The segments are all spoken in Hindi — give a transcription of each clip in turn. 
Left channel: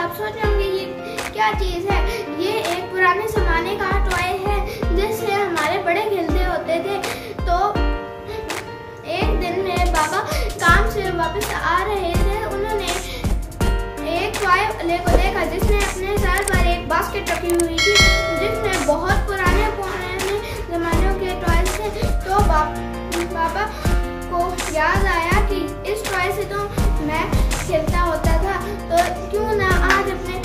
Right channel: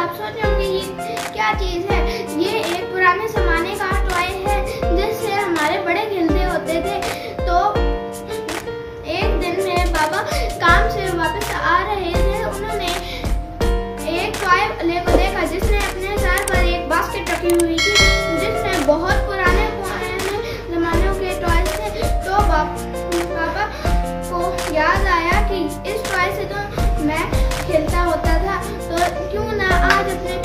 आप सोच रहे होंगे ये क्या चीज़ है। ये एक पुराने ज़माने का टॉय है जिससे हमारे बड़े खेलते होते थे। तो एक दिन मेरे पापा काम से वापस आ रहे थे, उन्होंने एक टॉय वाले को देखा जिसने अपने सर पर एक बास्केट रखी हुई थी जिसमें बहुत पुराने ज़मानों के टॉय थे। तो पापा को याद आया कि इस टॉय से तो मैं खेलता होता था, तो क्यों ना आज अपने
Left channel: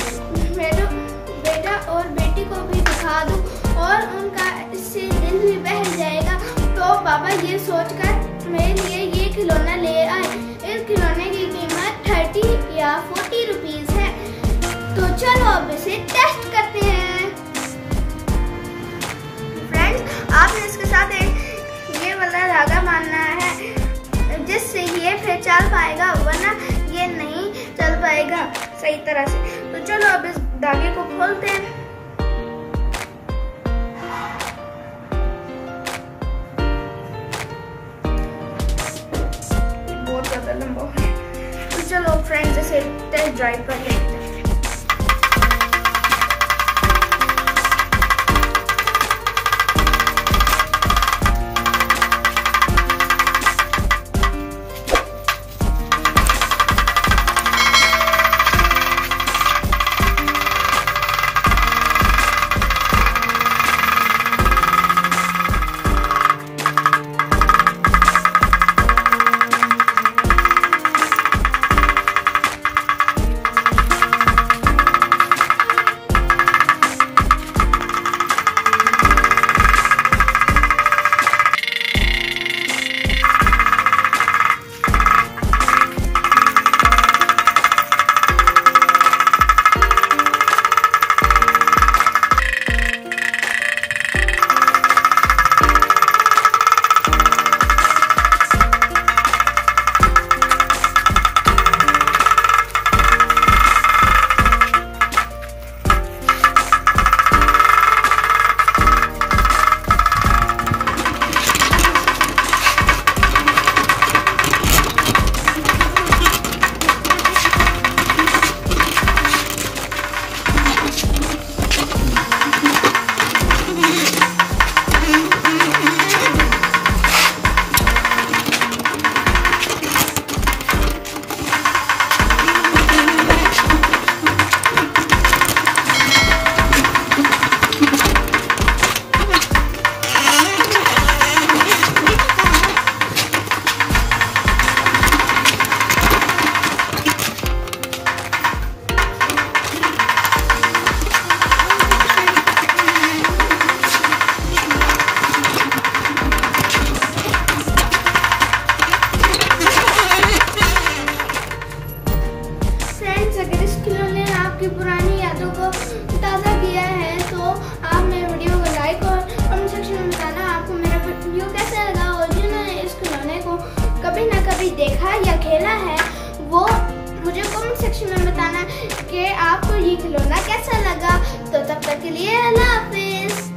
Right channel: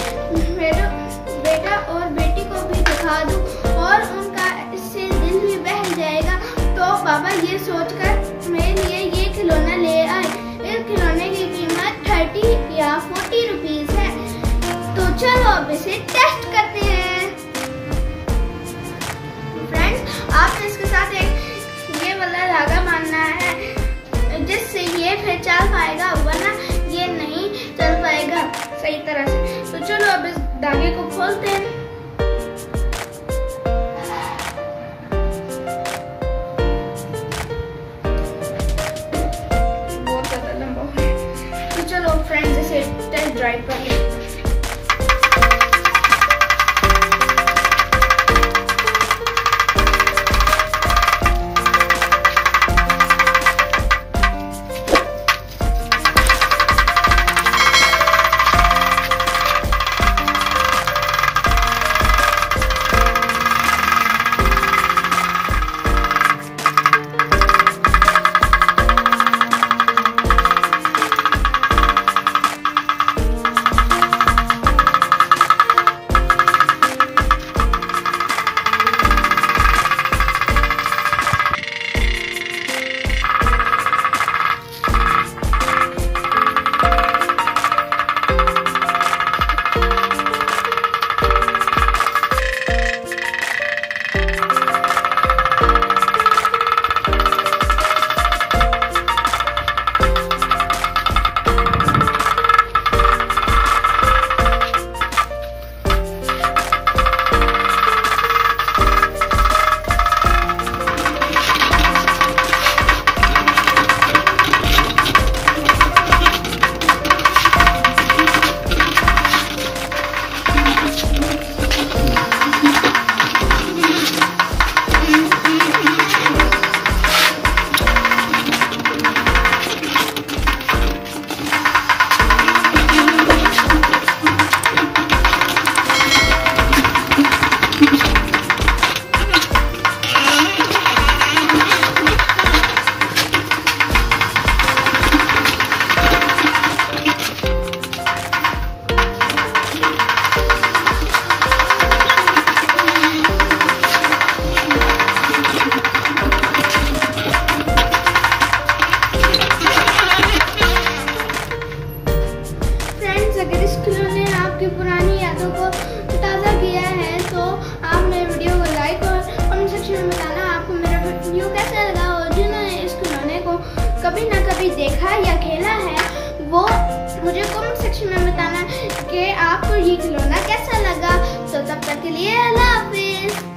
बेटा और बेटी को भी दिखा दूं और उनका इससे दिल भी बहल जाएगा। तो पापा ये सोचकर मेरे लिए ये खिलौना ले आए। इस खिलौने की कीमत 30 या 40 रुपीस है। तो चलो अब इसे टेस्ट करते हैं। फ्रेंड्स, आपने इसके साथ एक ये वाला धागा बांधना है जिससे ये फिर चल पाएगा, वरना ये नहीं चल पाएगा सही तरह से। तो चलो अब इस धागे को खोलते हैं। बहुत ज्यादा लंबा है। तो चलो फ्रेंड्स इसे टेस्ट ड्राइव कर लेते हैं। पुरानी यादों को ताज़ा किया है, तो आप मेरे वीडियो को लाइक और कमेंट सेक्शन में बताना आपको मेरा वीडियो कैसा लगा। और जिन्होंने इस खिलौने को कभी ना कभी देखा या खेला है वो मुझे कमेंट सेक्शन में बताना कि आपको ये खिलौना कैसा लगा। तो तब तक के लिए अल्लाह हाफिज़।